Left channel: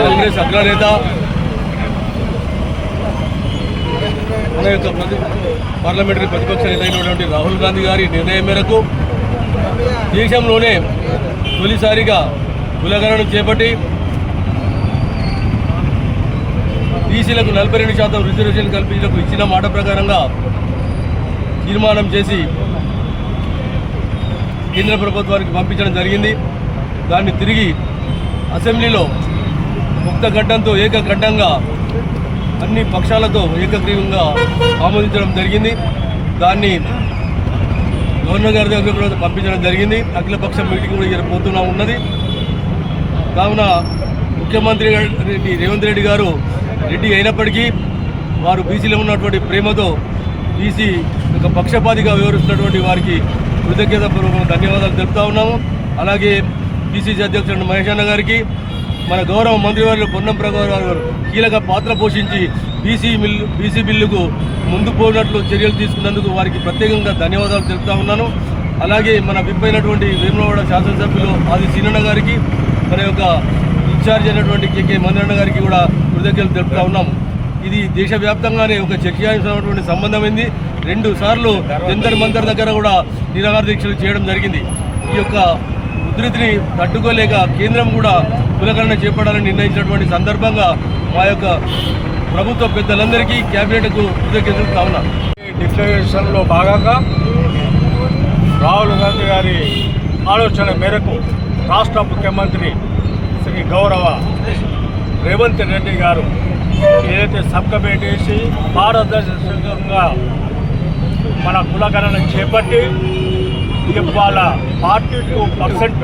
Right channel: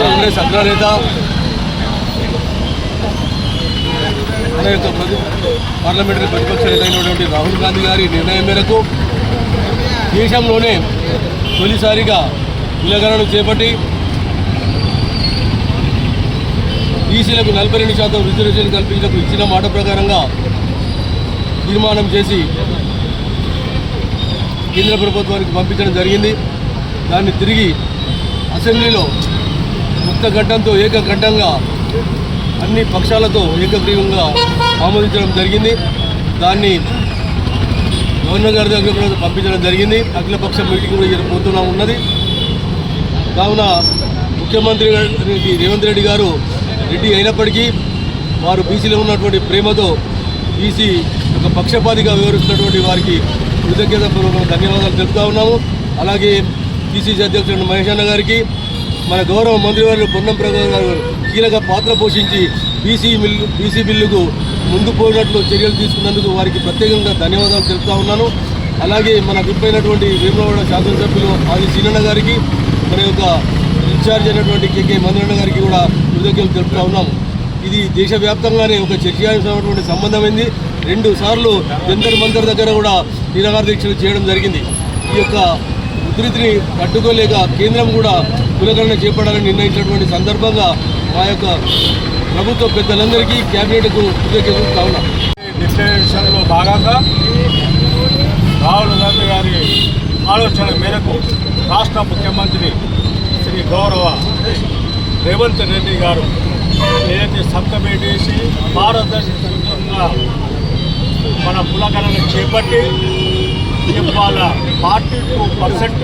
కాంగ్రెస్ అగ్రనేత పార్లమెంటరీ ప్రతిపక్ష నేత అయినటువంటి రాహుల్ గాంధీ గారి నిర్ణయం మేరకు దేశంలోనే తొలిసారిగా కులగణన చేపట్టి బీసీలకు 42% రిజర్వేషన్ కల్పించడానికి ఇచ్చిన మాట ప్రకారంగా తీర్మానం చేసి కేంద్ర ప్రభుత్వానికి పంపించడం జరిగింది. దాన్ని తిరిగి అసెంబ్లీలో ముక్తఘట్టంతో ఏకఘట్టంగా అన్ని పక్షాలతో ఏకగ్రీవంగా ఆమోదించడం జరిగింది. దాన్ని గవర్నర్ గారి దగ్గర కూడా పంపించడం జరిగింది. అఖిలపక్ష మీటింగ్ కూడా పోతున్నా ఉన్నది. కావున ముఖ్యమంత్రి రేవంత్ రెడ్డి గారు రెడ్డి అయినప్పటికీ వారు బీసీలో ఉన్నటువంటి ప్రేమతో బీసీ ఒక పక్షపాతిగా వివరిస్తున్నటువంటి వారికి కృతజ్ఞతాపూర్వక ధన్యవాదాలు తెలుపుతా ఉన్నాము. అలాగే పిసిసి అధ్యక్షుడు మహేష్ అన్న గారికి, మన గౌరవ మంత్రివర్యులు పొన్నం ప్రభాకర్ గారు కీలక పాత్ర పోషించి బీసీ బిల్లుకు ముందు పోయినట్లు చర్యలు తీసుకున్నందుకు వారికి ప్రత్యేకంగా ధన్యవాదాలు తెలుపుతా ఉన్నాను. అలాగే మన విప్ అయినటువంటి వేములవాడ శాసనసభ్యులు ఆది సీనన్న గారికి, మన యొక్క ఇన్ఛార్జ్ అయినటువంటి కేకే మందరన్న గారికి కూడా కృతజ్ఞతలు తెలుపుతా ఉన్నాము. ఇది దేశవ్యాప్తంగానే ఒక చర్చనీయమైనటువంటి సంబంధమైంది. 2 సార్లు జంతర్ మంతర్ దగ్గర కూడా నిరాహార దీక్షలు చేయడం జరిగింది. ఈ యొక్క ఉధృతిని తట్టుకోలేక కేంద్రం కూడా కులగణన చేపట్టాలని నిర్ణయించినటువంటి సందర్భంగా మా యొక్క ప్రభుత్వ పెద్దలందరికీ క్యాబినెట్కు కృతజ్ఞతలు కావున డిక్లరేషన్లో భాగంగా రాహుల్ గాంధీ గారి ఆలోచన మేరకు రాష్ట్ర ముఖ్యమంత్రి శ్రీ గౌరవ రేవంత్ రెడ్డి గారు ఏదైతే సబ్ కమిటీ వేసి పారదర్శకంగా మన కులగణన చేపట్టి వాళ్ళ 42%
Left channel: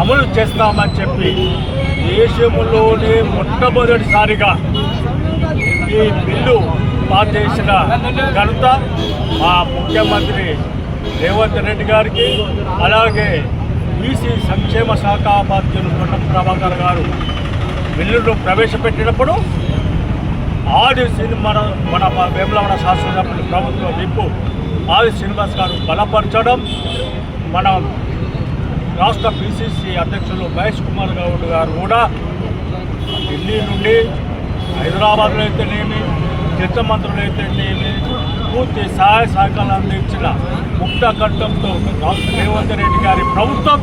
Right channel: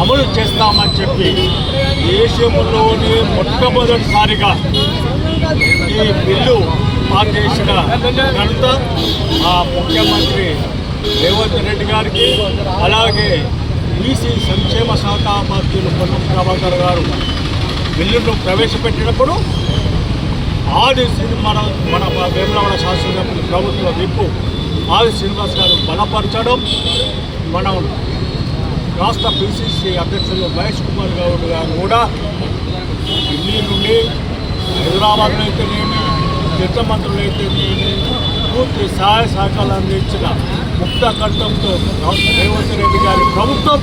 అమలు చేస్తామని చెప్పి దేశంలోనే మొట్టమొదటిసారిగా ఈ బిల్లు పాస్ చేసిన ఘనత మా ముఖ్యమంత్రి రేవంత్ రెడ్డి గారికి, అలాగే బీసీ సంక్షేమ శాఖ బాధ్యులు పొన్నం ప్రభాకర్ గారు బిల్లును ప్రవేశపెట్టినప్పుడు ఆది మన వేములవాడ శాసనసభ్యులు ప్రభుత్వ విప్పు ఆది శ్రీనివాస్ గారు బలపరచడం, మన రాష్ట్ర పిసిసి అధ్యక్షులు మహేష్ కుమార్ గౌడ్ గారు కూడా ఢిల్లీ నుండి హైదరాబాద్లో అయితేనేమి, ఇతర మంత్రులు అయితేనేమి పూర్తి సహాయ సహకారాలు అందించిన ముక్త కంఠంతో రేవంత్ రెడ్డి గారి ప్రభుత్వం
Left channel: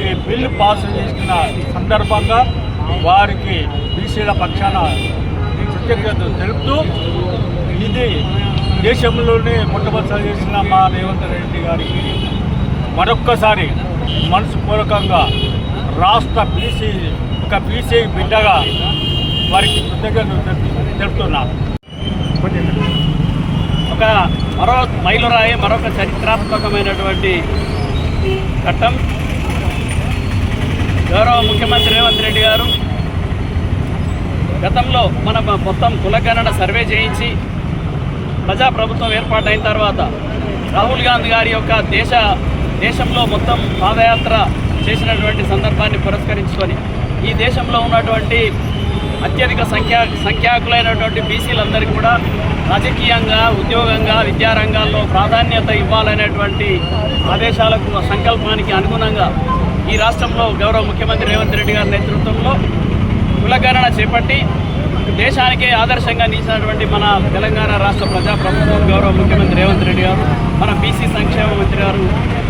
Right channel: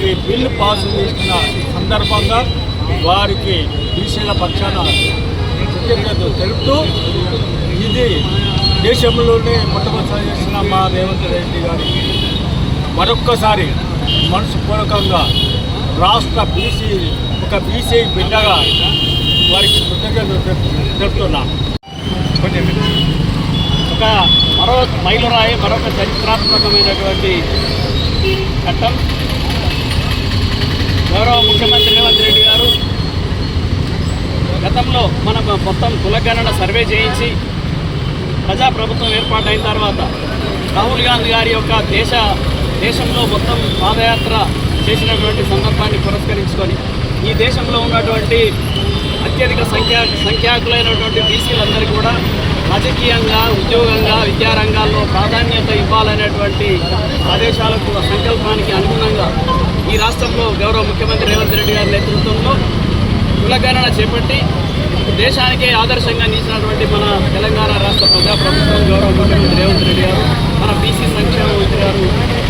ఈ బిల్లు పాస్ చేసిన సందర్భంగా వారికి బీసీల పక్షాన కృతజ్ఞతలు తెలుపుతూ, ఇది దేశంలోనే మొట్టమొదటిసారి చేసిన మా రేవంత్ రెడ్డి గారికి మరొక్కసారి మనసుపూర్వకంగా రాష్ట్ర బీసీ బిడ్డగా వారికి కృతజ్ఞతలు తెలుపుతున్నాం. మరో మైలురాయి, మరొక చరిత్రాత్మకమైనటువంటి ఘట్టం. గౌరవ ముఖ్యమంత్రి రేవంత్ రెడ్డి గారు గతంలో మనకు మొత్తం కులగణన సర్వే చేయించి ప్రజాప్రభుత్వం ఏర్పాటైన తర్వాత రాహుల్ గాంధీ గారి యొక్క దేశంలో మొత్తం పాదయాత్ర చేసినటువంటి సందర్భాన్ని పురస్కరించుకొని ఈ దేశంలో ఉన్నటువంటి అత్యధిక సంఖ్యాకులైనటువంటి బీసీలందరికీ కూడా రాజకీయంగా, ఉద్యోగంగా, విద్యారంగాల్లో ప్రాధాన్యత ఇవ్వాలనేటువంటి ఆదేశాలకు, సంకల్పానికి అనుగుణంగా ఈ రాష్ట్రంలో గౌరవ ముఖ్యమంత్రి రేవంత్ రెడ్డి గారి నేతృత్వంలో కులగణన చేపట్టి దేశానికే ఆదర్శంగా నిలిచినటువంటి మన తెలంగాణ రాష్ట్ర ప్రజాప్రభుత్వం గౌరవ ముఖ్యమంత్రి రేవంత్ రెడ్డి గారు, మన బీసీ సంక్షేమ మంత్రి గారు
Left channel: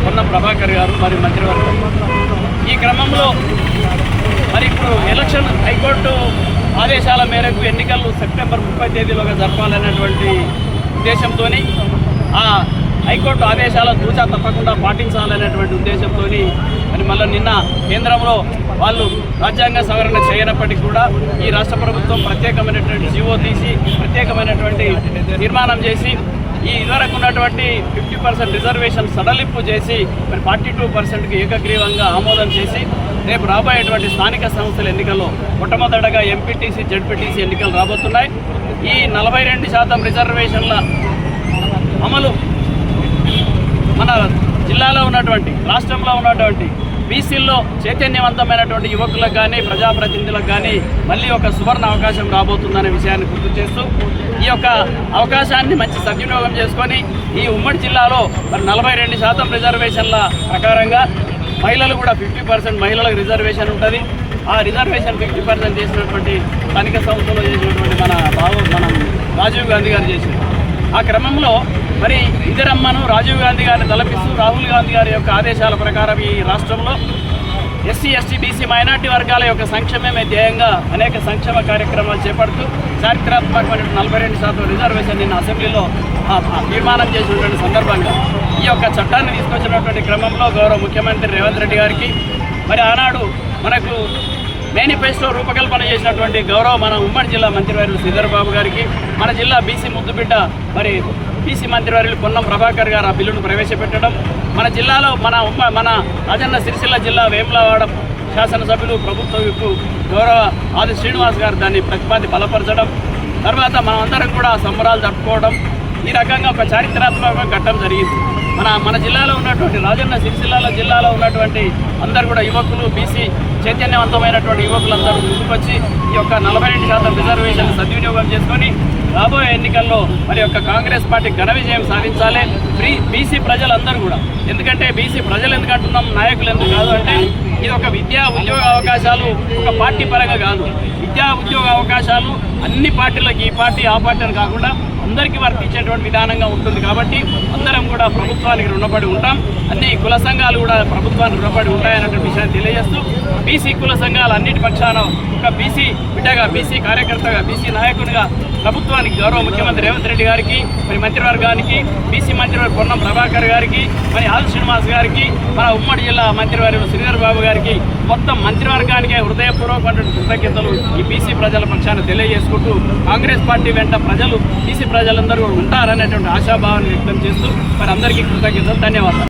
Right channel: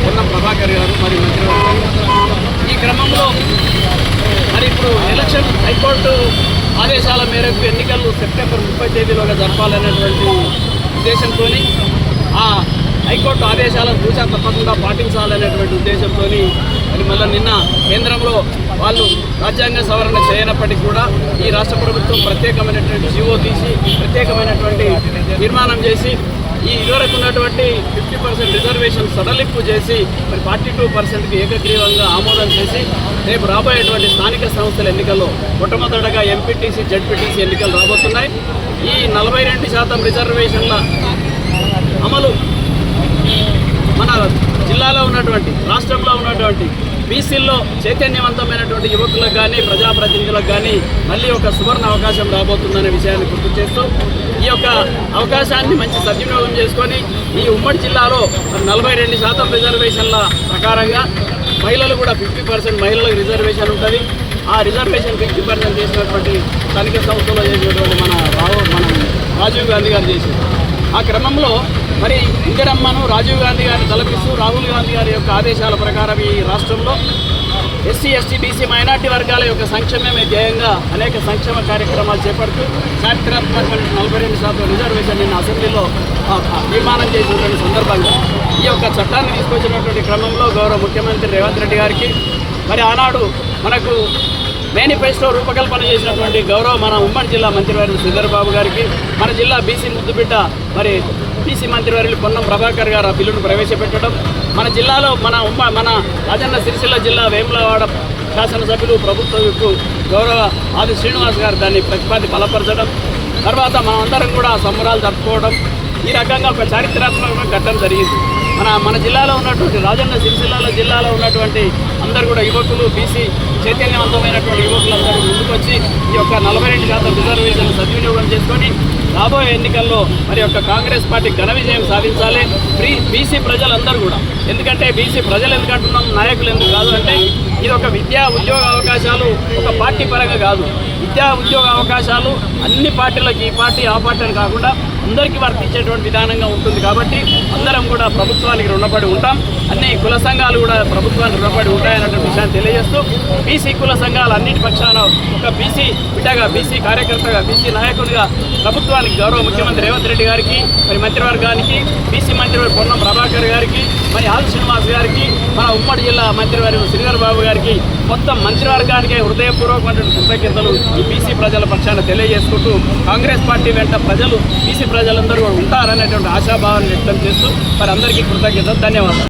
పొన్నం ప్రభాకర్ గారు, మరి మంత్రివర్గం ఈ క్రమంలో మరి ఇప్పుడు ఎలక్షన్ హైకోర్టు ఆదేశాల మేరకు ఎన్నికలు సెప్టెంబర్ 30 తేదీలోనే జరపాలనేటువంటి ఉద్దేశంతో ఆ హైకోర్టు ఆదేశాలను తూచా తప్పకుండా పాటించాలనేటువంటి ఉద్దేశంతో మరి మళ్ళీ నిన్న కేంద్రంలో వాళ్ళు రాజ్యాంగ సవరణ చేయనప్పటికీ కూడా ఈ రాష్ట్ర ప్రభుత్వం ప్రత్యేకమైనటువంటి జీవో తీసి ప్రత్యేకమైనటువంటి తీర్మానం చేసి ఈ ఇదివరకు ఉన్నటువంటి 50% రిజర్వేషన్ సడలింపు చేసి మరి 42%కి ఏకగ్రీవంగా ఆమోదం చేసి రేపు రాబోయేటువంటి స్థానిక సంస్థల ఎన్నికల్లో మొట్టమొదటగా ఎంపీటీసీ జడ్పీటీసీ ఎన్నికలు రాబోతున్నాయి. ఈ 42% రిజర్వేషన్ల అమలు మన జిల్లాలో ఉన్నటువంటి రాష్ట్రంలో ఉన్నటువంటి బీసీల్లో చైతన్యవంతమైనటువంటి యువకులకు కానీ ప్రజాప్రతినిధులకు కానీ మళ్ళీ ఒక సువర్ణ అవకాశం రాబోతుందనే విషయాన్ని గుర్తు చేస్తూ ఈ యొక్క అవకాశాన్ని మంచి సద్వినియోగం చేసుకొని ఈ ఉమ్మడి జిల్లాలో 42% రిజర్వేషన్ల ప్రకారంగా మహిళలు కూడా 50% మహిళలకు రిజర్వేషన్ ఉంటుంది. ఆ రిజర్వేషన్ 50% చేసినటువంటి స్థానిక సంస్థలో చేసినటువంటి మన రాజీవ్ గాంధీ గారు చేసింది. ఆ క్రమంలో మరి ఇందిరమ్మను రాజీవ్ గాంధీ గారిని తలపిస్తూ రాహుల్ గాంధీ గారి యొక్క ఆదేశాల ప్రకారం ఈ రాష్ట్రంలో ఎస్సీ ఎస్టీ బీసీ మైనార్టీ వర్గాల యొక్క సంక్షేమమే ధ్యేయంగా అనేక సంక్షేమ కార్యక్రమాలు చేపడుతూ చారిత్రాత్మకమైన 42% రిజర్వేషన్ నిన్న అసెంబ్లీలో తీర్మానం చేసినటువంటి సందర్భంగా ఈ యొక్క చట్టాన్ని తీసుకొచ్చినటువంటి క్రమంలో గౌరవ ముఖ్యమంత్రి రేవంత్ రెడ్డి గారికి మరి ఆనాడు మనకు మేనిఫెస్టో రూపకల్పన చేసినటువంటి గౌరవ మన ఉమ్మడి జిల్లా మంత్రివర్యులు శ్రీధర్ బాబు గారికి, మన జిల్లా బీసీ ముద్దుబిడ్డ మరి బీసీ మంత్రివర్యులు పొన్నం ప్రభాకర్ గారు ఆ బిల్లును ప్రవేశపెట్టడం, మన జిల్లాలో మన రాజన్న సిరిసిల్ల జిల్లా వేములవాడ శాసనసభ్యులు ప్రభుత్వ గౌరవ ఆది శ్రీనివాస్ గారు దాన్ని బలపరచడం, తర్వాత మనం అందరం కూడా సంబరాలు జరుపుకోవడం, ఈ రకంగా ఒక చారిత్రాత్మక ఘట్టం జరిగింది. మన జిల్లాలో ఉన్నటువంటి రాజన్న సిరిసిల్ల జిల్లాలో ఉన్నటువంటి అందరూ కూడా యువకులు బీసీ చైతన్యవంతమైనటువంటి యువకులందరూ ముందుకొచ్చి ఈ యొక్క 42% రిజర్వేషన్ సద్వినియోగం చేసుకొని రాబోయే ఎన్నికల్లో మరి యొక్క కాంగ్రెస్ పార్టీ ఘన విజయం సాధించాలి. బీసీ ప్రజలందరూ కూడా, ఎందుకంటే బీసీ ప్రజలు ఎందుకంటున్నాం, నాయకులు ఎందుకు కాదు అంటే ఇది ఒక విద్యా ఉద్యోగ అవకాశాలు ఒక పార్టీ పరంగా కాదు, విద్యా ఉద్యోగ అవకాశాలు అన్ని పార్టీలకు ఈ పార్టీ ఆ పార్టీ అని కాకుండా అందరికీ వర్తించేటువంటి విధానంగా ఉంటుంది. కాబట్టి అందరం కూడా ప్రభుత్వానికి రుణపడి ఉంటాం, అన్ని కుల సంఘాలు కూడా ప్రభుత్వానికి రుణపడి ఉంటాయన్నటువంటి విషయాన్ని తెలియజేస్తూ బీసీ కుల సంఘాలు అన్నిటి పక్షాన ఒక బీసీ బిడ్డగా, బీసీ కార్యకర్తగా, బీసీ నాయకుడిగా ప్రభుత్వానికి గౌరవ ముఖ్యమంత్రి రేవంత్ రెడ్డి గారికి, మరి మంత్రివర్గానికి, బీసీ మంత్రివర్గ పొన్నం ప్రభాకర్ గారికి, మరి ఆది శ్రీనివాస్ గారికి, మన ఉమ్మడి జిల్లా మంత్రివర్యులు శ్రీధర్ బాబు గారికి, మొత్తం మంత్రివర్గానికే హృదయపూర్వకమైనటువంటి కృతజ్ఞతలు ఈ బీసీ ప్రజల పక్షాన తెలియజేసుకుంటూ కాంగ్రెస్ పార్టీ వెంట ప్రజలు బీసీ ప్రజలందరూ ఉంటారనేటువంటి ఆశాభావాన్ని వ్యక్తం చేస్తూ మరి అందరికీ కృతజ్ఞతలు, ధన్యవాదాలు.